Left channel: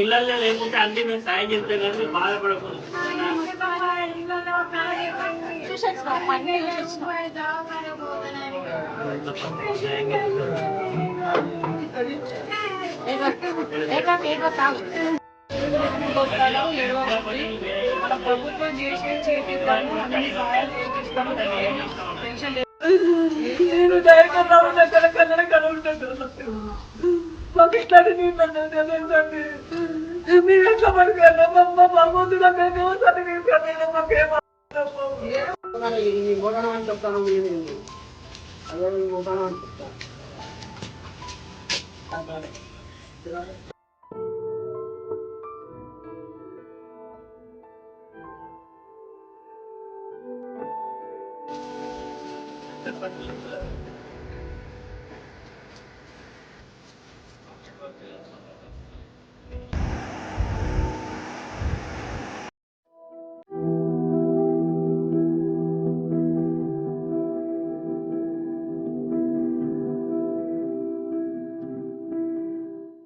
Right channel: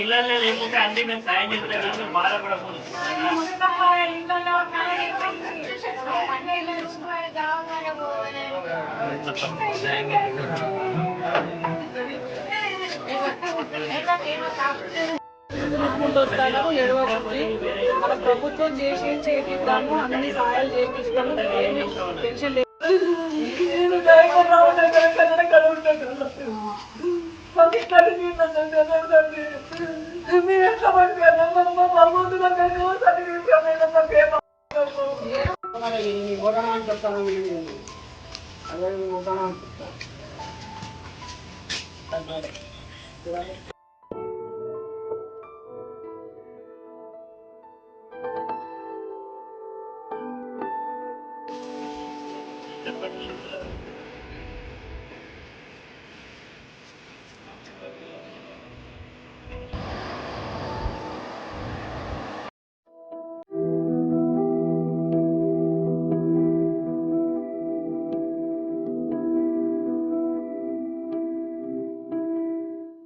ఇళ్ళల్లో లేకుంటే అన్ని మేము సాయం చేస్తాం, బాధపడకూడదు. మన ప్రభుత్వం చేసి చేపిస్తాము, అన్ని సహాయాలు చేపిస్తాము. టెన్షన్ లేదు. నేను డ్రైవర్ రావడం కన్నడ కలుగుతాను. మాకు ఇట్లా తీసుకుంటే మేము ఎట్లా పడుకోవాలి? భగవంతు దగ్గర తీసుకెళ్ళి మాకేమో ఓటనా అని చెప్తాను. అదే ఓటనా అని చెప్తాను. చెప్పండి.